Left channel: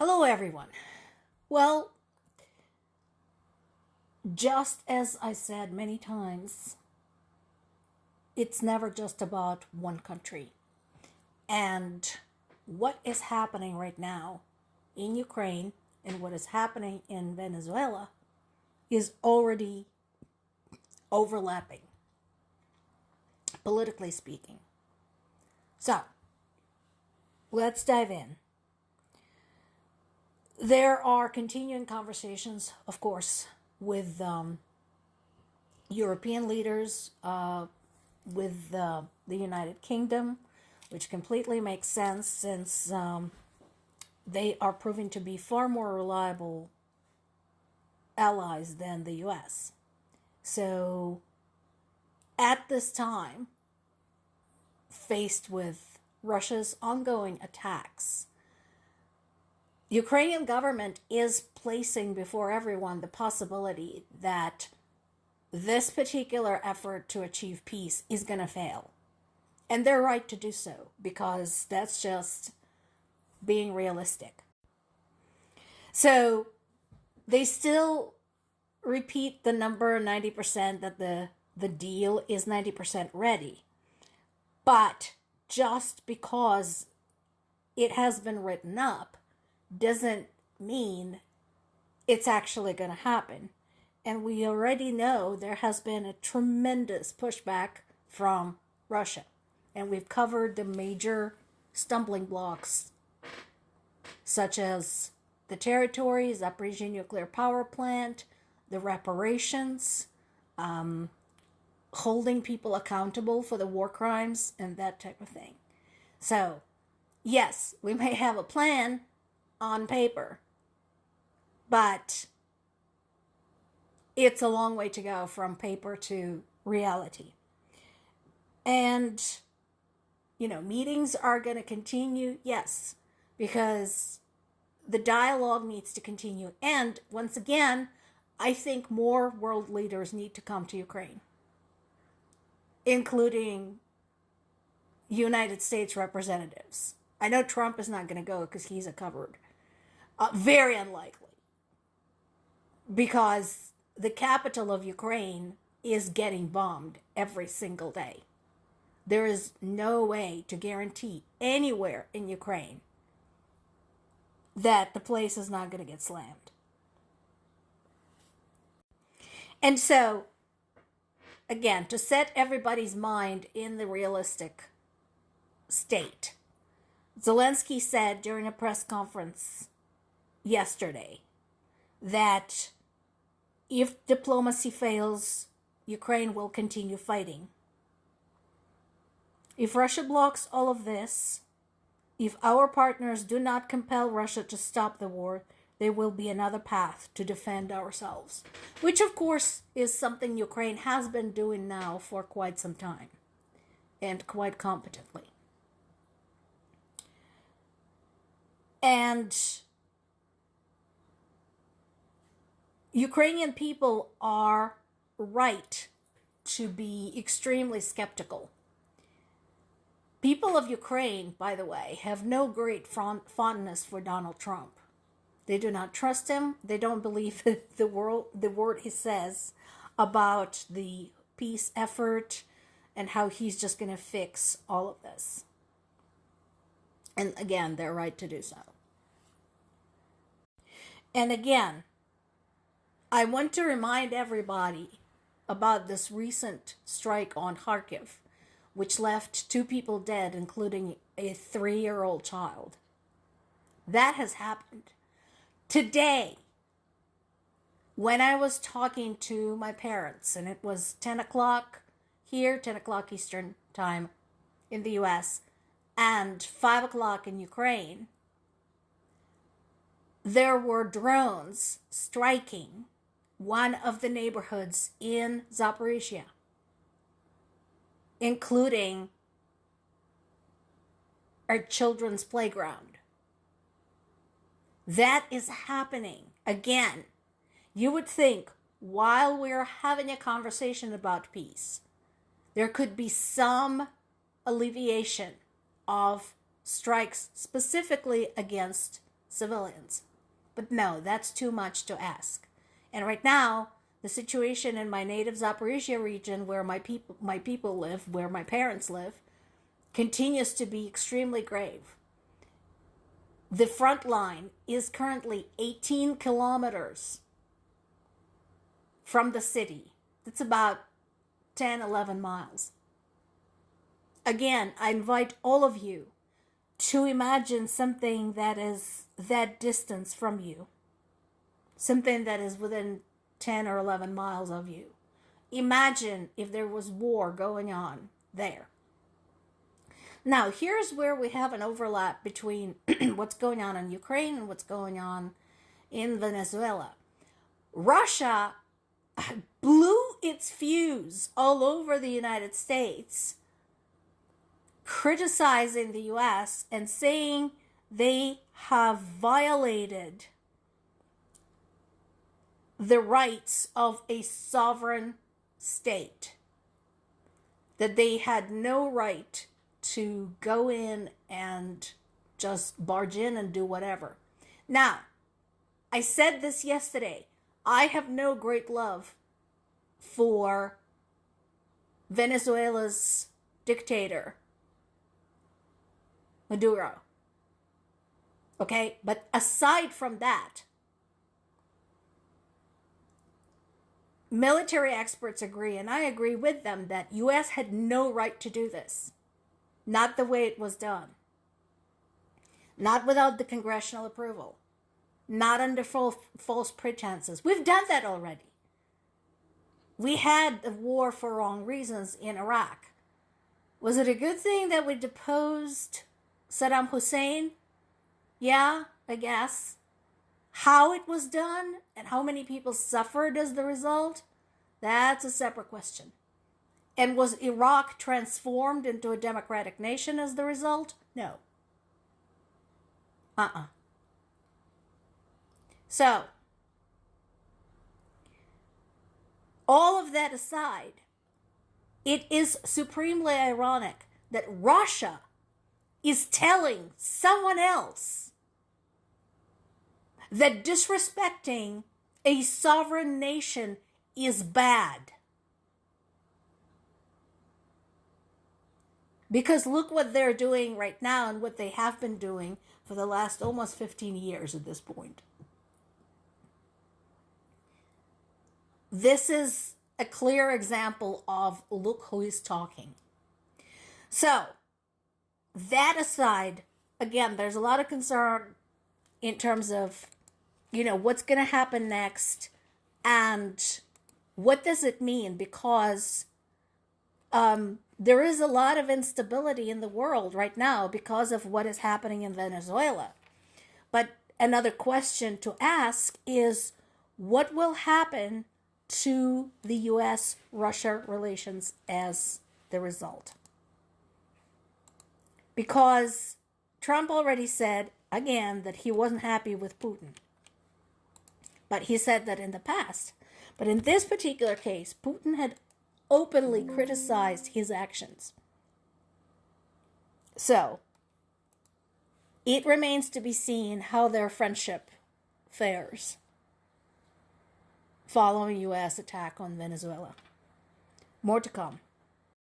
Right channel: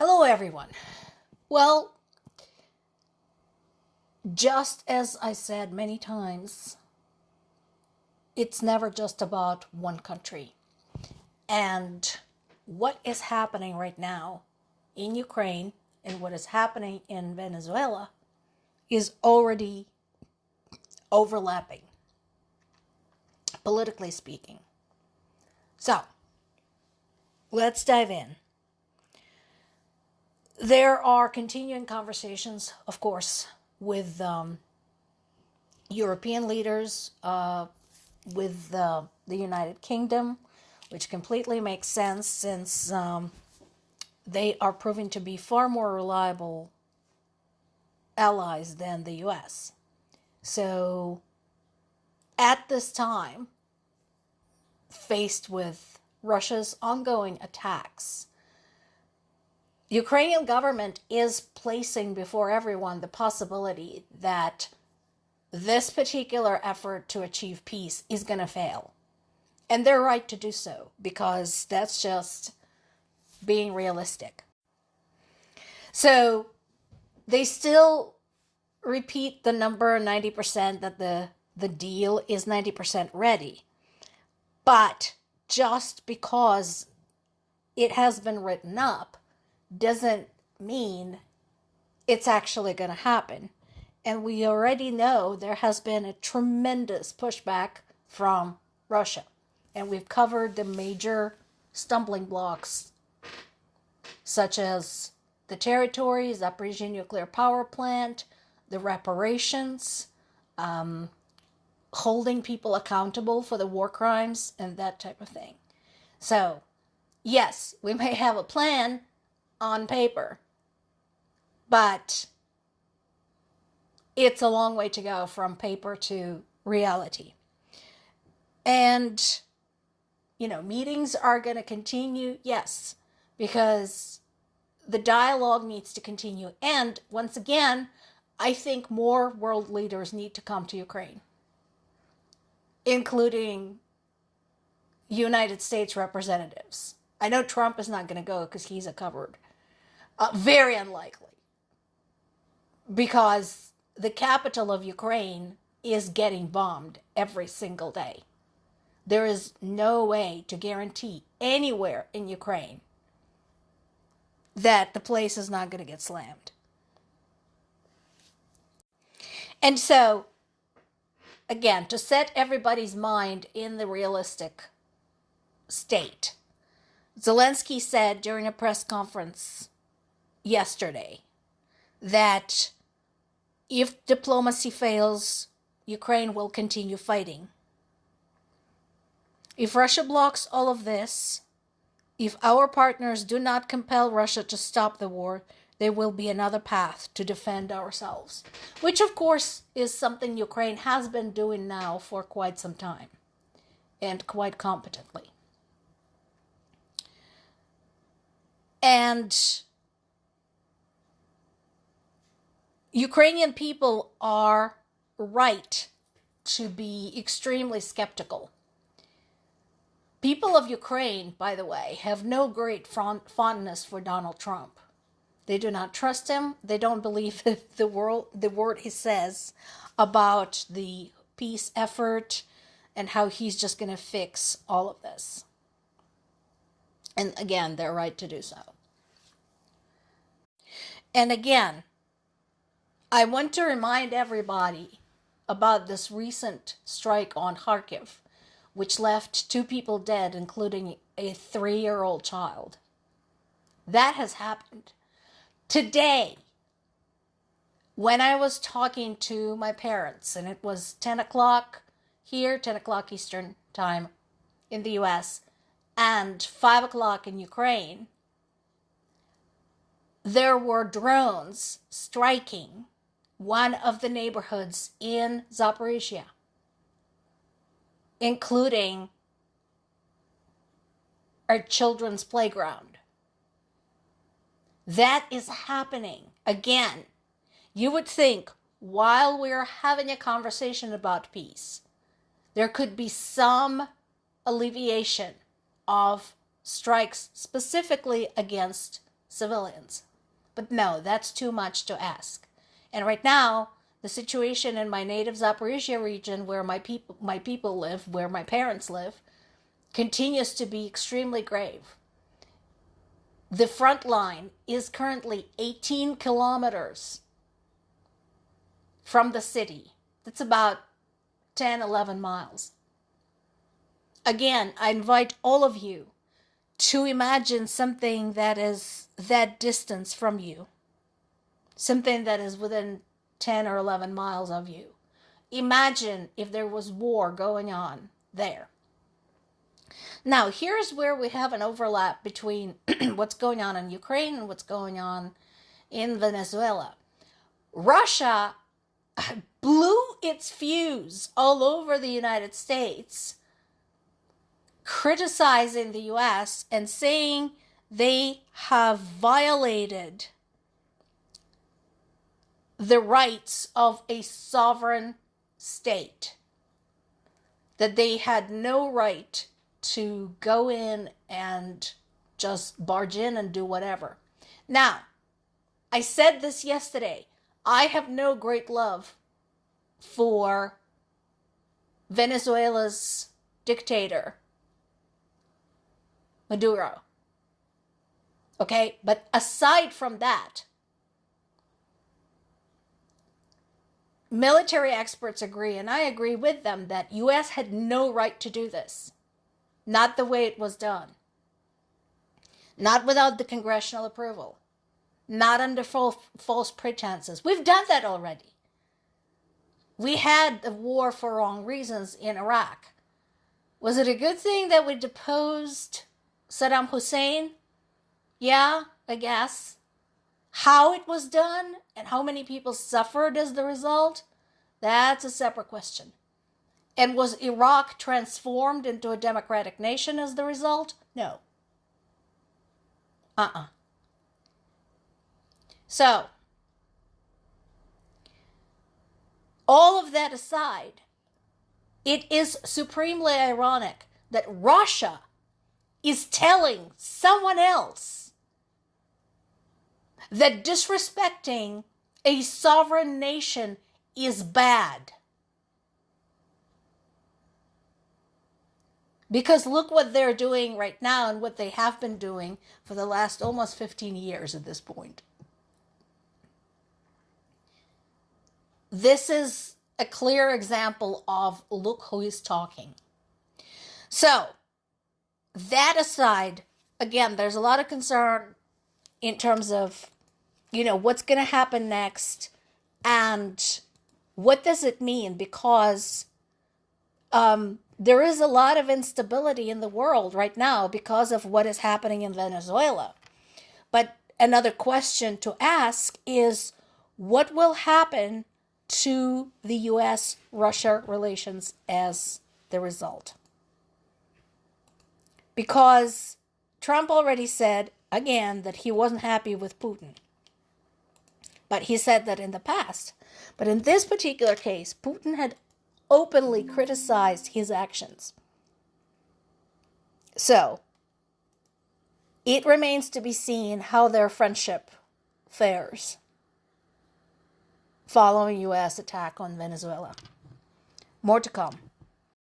Hello, everyone. Well, just as I said many times, it's never just about one country. And what is happening right now in Ukraine and what is happening in Venezuela is already overlapping, politically speaking. So, let's dive in. There are continuing conversations, of course, with European leaders, with the United Kingdom, which completely makes sense since they are proving to be far more reliable allies than the US. So, at this time, faced with Russia's ongoing attacks, Ukrainian government is placing before everyone the possibility that this particular effort to achieve peace is going to fail. And they're right to do so, because that's just being realistic. So they still repeat the number 90% that the deal is 90% ready. But just because it has been written up doesn't mean it's actually going to happen. And we already know there has been a tremendous pushback from Russia. And we've covered the major stumbling blocks, such as the territory, Zaporizhzhia nuclear power plant, the reparations, holding people accountable for the war crimes, and that type of thing. So, yes, we may have a plan on paper, but it's a long way to go from paper to reality. And, meetings are going to continue, yes, because the dialogue needs to continue. And once again, I think more world leaders need to come to Ukraine, including United States representatives. I know Trump is not going to go because he's a coward. Very unlikely. Because the capital of Ukraine is getting bombed every single day. There is no way to guarantee anywhere in Ukraine that the place is not going to get slammed. And so, again, to set everybody's mind in the realistic state, Zelensky said during a press conference yesterday that if diplomacy fails, Ukraine will continue fighting. If Russia blocks all of this, if our partners do not compel Russia to stop the war, there will be another path to defend ourselves, which of course is something Ukraine has been doing now for quite some time, and quite competently. And Ukrainian people are right to be extremely skeptical. People of Ukraine, by the way, have no great fondness for Donald Trump. They do not trust him. They don't believe the word he says about the peace effort and how he's just going to fix all of this. And again, they're right to do so. And again, I want to remind everybody about this recent strike on Kharkiv, which left 2 people dead, including a 3-year-old child. That has happened. Today, when I was talking to my parents, and it was 10 o'clock here, 10 o'clock Eastern time in the US, and 5 o'clock in Ukraine, there were drones striking one of the neighborhoods in Zaporizhzhia, including our children's playground. That is happening. Again, you would think while we're having a conversation about peace, there could be some alleviation of strikes specifically against civilians. But no, that's too much to ask. And right now, the situation in my native Zaporizhia region, where my people live, where my parents live, continues to be extremely grave. The front line is currently 18 kilometers from the city. That's about 10, 11 miles. Again, I invite all of you to imagine something that is that distance from you, something that is within 10 or 11 miles of you. Imagine if there was war going on there. Now, here's where we have an overlap between what's going on in Ukraine and what's going on in Venezuela. Russia blew its fuse all over the United States, criticizing the US and saying they have violated the rights of a sovereign state, that they had no right to go in and just barge in and do whatever. Now, I said this yesterday. I have no great love for Venezuela's dictator, Maduro. Okay? But aside from that, military experts agree, and I agree with them, that U.S. had no right to do this. Not the way it was done. Not without the congressional approval. Not under false pretenses. We've done that already. We had a war for wrong reasons in Iraq. Was it a good thing that we deposed Saddam Hussein? Yeah, I guess. How it was done and how many people suffered as the result, that's a separate question. And was Iraq transformed into a democratic nation as the result? No. So, all of that aside, it is supremely ironic that Russia is telling someone else that disrespecting a sovereign nation is bad. Because look what they're doing right now and what they have been doing for the last almost 15 years at this point. This is a clear example of look who is talking. So, that aside, again, there's a lot of concern in terms of, what's going to happen next and what does it mean, because there is a lot of instability in the world right now because of what is happening in Venezuela. But another question to ask is, what will happen to the U.S.-Russia relations as the result? Because Trump already said, again, that he wasn't happy with Putin. But he said that in the past. But in this particular case, Putin had openly criticized his actions. So, it remains to be seen how their friendship fares following U.S. attack on Venezuela. More to come.